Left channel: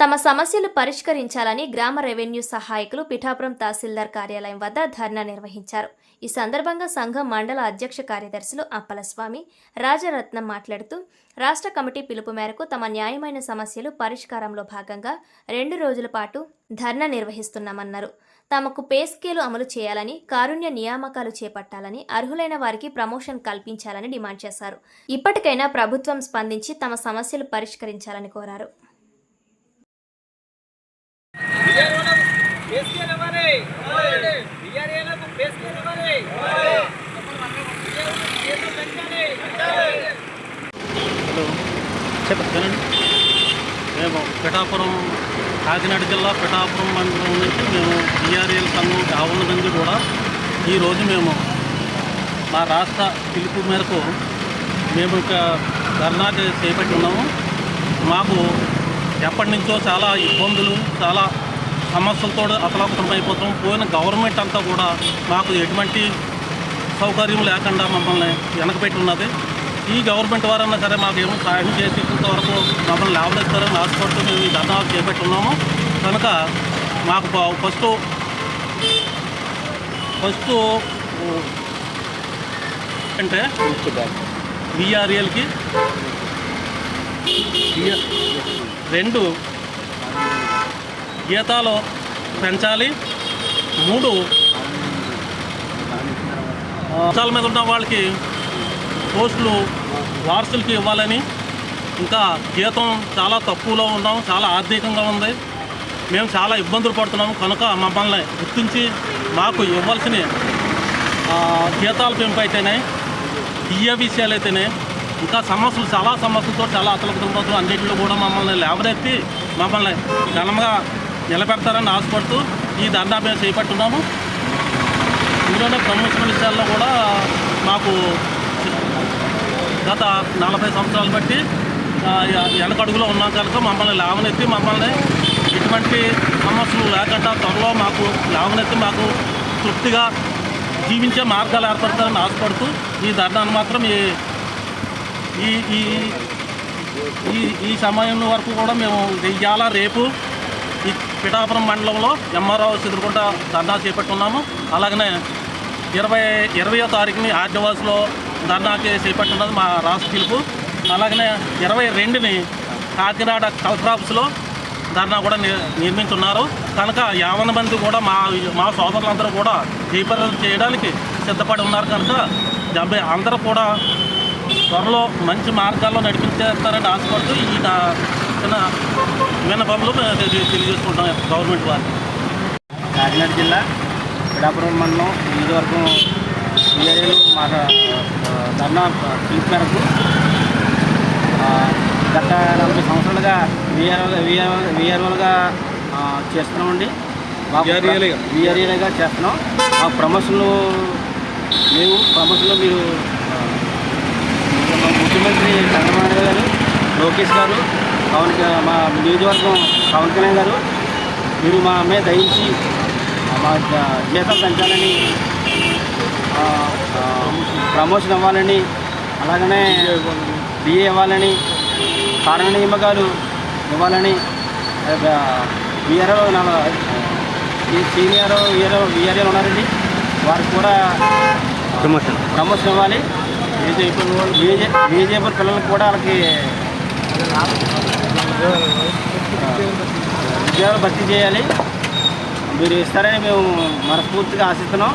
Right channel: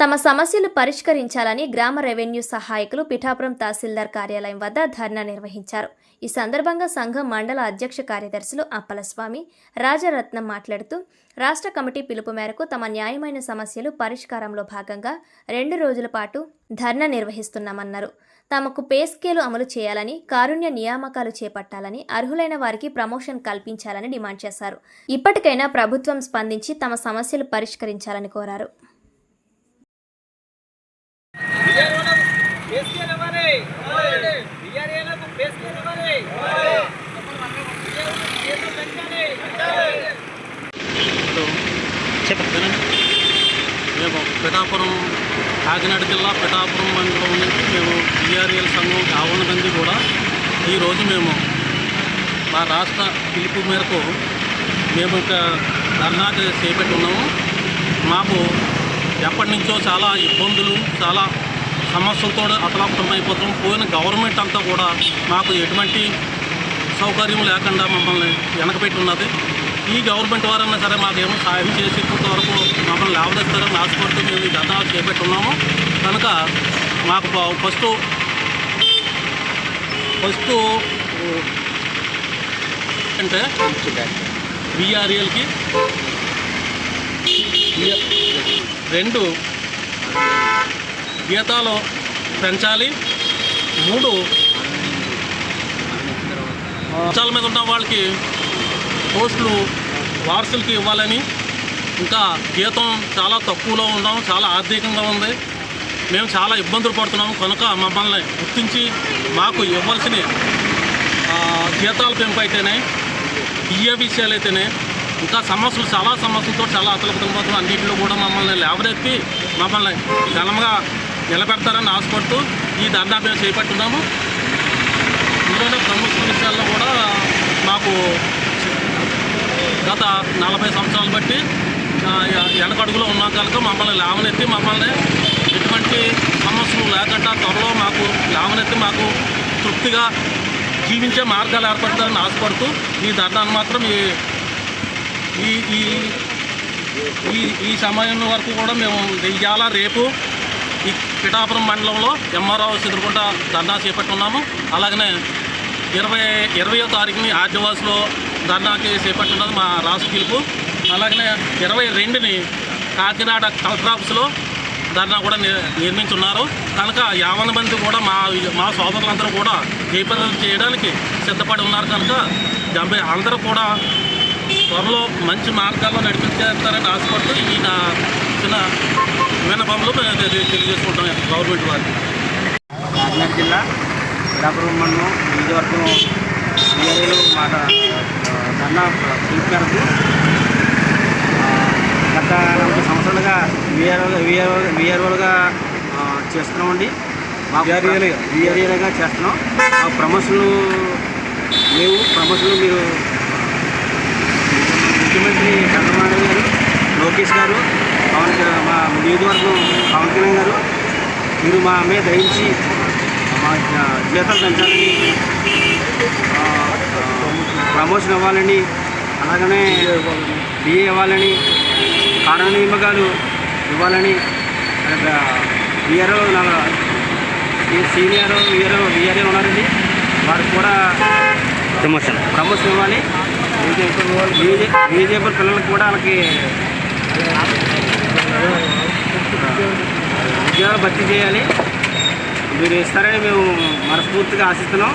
తమ సమస్యలు పరిష్కరించాలని గ్రామ రెవెన్యూ సహాయకులు పిఠాపురం తహసీల్దార్ కార్యాలయం వద్ద ధర్నా నిర్వహించారు. ఈ సందర్భంగా సంఘం మండల అధ్యక్ష కార్యదర్శులు అప్పలస్వామి రాజరత్నం మాట్లాడుతూ రాష్ట్ర కమిటీ పిలుపు మేరకు తమ న్యాయమైన సమస్యలు పరిష్కారంలో భాగంగా రెండు రోజుల పాటు ధర్నా నిర్వహిస్తున్నామన్నారు. తమకు పే స్కేలు అమలు చేయాలని కారుణ్య నియామకాలు చేపట్టాలని అర్హులైన వారికి ప్రమోషన్ కల్పించాలని డిమాండ్ చేశారు. ఇప్పటికైనా ప్రభుత్వం స్పందించి తమ సమస్యలు పరిష్కరించాలని కోరారు బిఆర్ఓలకు బేస్కేల్ ఇవ్వాలి బిఆర్ఏలకు బేస్కేల్ ఇవ్వాలి బిఆర్ఓలకు జీతం పెంచాలి హలో చెప్పండి మేము పిఠాపురం కాకినాడ జిల్లా పిఠాపురం మండలం నుంచి మేము బీఆర్ఎల్ సంఘం యావన్న మంది కూడా ఈరోజు మేము మా రాష్ట్ర పిలుపు మేరకు మేము ఒక ధర్నాకి చేపట్టి ఉన్నాము. మాకు ఎప్పటి నుంచో చాలా ఇబ్బందులు చాలా సమస్యలతో అతలాకుతం అయిపోతాం పోయిన గవర్నమెంట్ అంతా కూడా మాకు ఎటువంటి సౌకర్యం లేకుండా మమ్మల్ని వెనకబెట్టి ఉన్నది. ఈ గవర్నమెంట్ వారన్నా సరే మాకేమో సాయం చేసి ఇంతవరకు మమ్మల్ని లేవదెత్తారని ఆశపడుతూ మేము ఈ ధర్నా చేపట్టి ఉన్నాము కనుక మాకు ఫస్ట్ ఫస్ట్ అంటే బీఆర్ఏలకి రెండు గీతాలు పెంచాలి. మూడు అంశాల మీద ఉన్న వాళ్ళకి పోస్టులు వారసులకి ఇవ్వాలని ఇంకా జీతం చాలా తక్కువలో ఉన్నాం చాలా ఆర్థికంగా ఉంది. మేము చాలా ఇబ్బందులు పడుతున్నాము కనుక మమ్మల్ని గుర్తించి మాకు ఇవ్వాల్సిన జీతాల పెంపు అయితేనే బియ్య విషయాలు అయితేనే ఇంకా సమస్యలు చాలా సమస్యలతో చాలా అతలకుతుంపోతులు అన్నింటిలో కూడా మమ్మల్ని లేవనెత్తి మమ్మల్ని ఘనంగా నిలబెడతారని ఆశపడుతూ ఈ దండా మేము చేపట్టున్నాము ఇందులోనే ప్రమోషన్ విషయాల్లో కూడా మాకు గత నలభై సంవత్సరాలు బట్టి ఎడకడుగులో వెనకడుగులో ఉన్నాం కనుక మమ్మల్ని లేవనెత్తి మమ్మల్ని ఎటువంటి సమస్యలు లేకుండా త్వరలో మాకు లేవనెత్తి మాకు తృప్తిగా జీవించే మార్గాలు ఏర్పడతారని ఆశపడుతూ ఈ ధర్నాన్ని మాత్రం ఈ ఈ ఈ ఈ ఈ సమయం వరకు కూడా మేము ఇవాళ రేపు ఈ పిఠాపురం మండలంలో ఎంఆర్ఓ ఎదుర్కొంటా ధర్నా చేపట్టున్నాము. అలాగనే ఇరవై ఇరవయో తారీఖుని ఆర్డవాస్లో ధర్నాకి చేపట్టున్నది మా రాష్ట్ర పిలుపు. అలాగనే ఇరవై రెండుని కాకినాడ కలెక్టర్ ఆఫీస్లో ధర్నా కూడా ని- నిర్మించున్నారు. కనుక యావన మంది కూడా మా మా సోదరులందరూ కూడా దీపదం చేయడానికి సిద్ధపడి ఉన్నారు కనుక డెబ్బై అందరూ కూడా త్వరలో మంచి మార్గాల్లో నడిపించేస్తారని ఆశపడుతూ ఈ నా చిన్న విన్నపంలో మేము తెలియజేసుకుంటాం గవర్నమెంట్ వారికి కాకినాడ జిల్లా పిడాపురం మండలం నియోజకవర్గం మాట ఆ, ధర్నా పిలుపు మేరకు ఆ, గత నలభై సంవత్సరాలుగా విఆర్ఓ విఆర్ఓ విఆర్ఓలుగా చేస్తున్నామండి. విఆర్ఏలుగా? చేస్తున్నాం. మాకు ప్రమోషన్లు లేవు. ప్రమోషన్లు మీరు ఆ, మా ముఖ్యమంత్రి చంద్రబాబు గారు లోకేష్ గారు పవన్ మా నియోజకవర్గం పవన్ కళ్యాణ్ గారు మీరు మా మీద దయించి ఆ, మా జీతాలు పెంచాలని ఆ, ఆ, ప్రమోషన్ ఇవ్వాలని అలాగనే బిఏ ఇవ్వాలని. కారణ నియామకాలు ఇవ్వాలని విఆర్ఓ సీనియర్ విఆర్ఓ విఆర్ఓ ఉన్నారండి. వారికి కూడా ప్రమోషన్. ప్రమోషన్ ఇవ్వాలి. బీజే బీజేపీ పిల్లలకు కూడా వాళ్ళకి ఉద్యోగాలు భర్తీ చేయాలి. మీరు ఇస్తారని మేము మనస్ఫూర్తిగా ఆశిస్తున్నాం.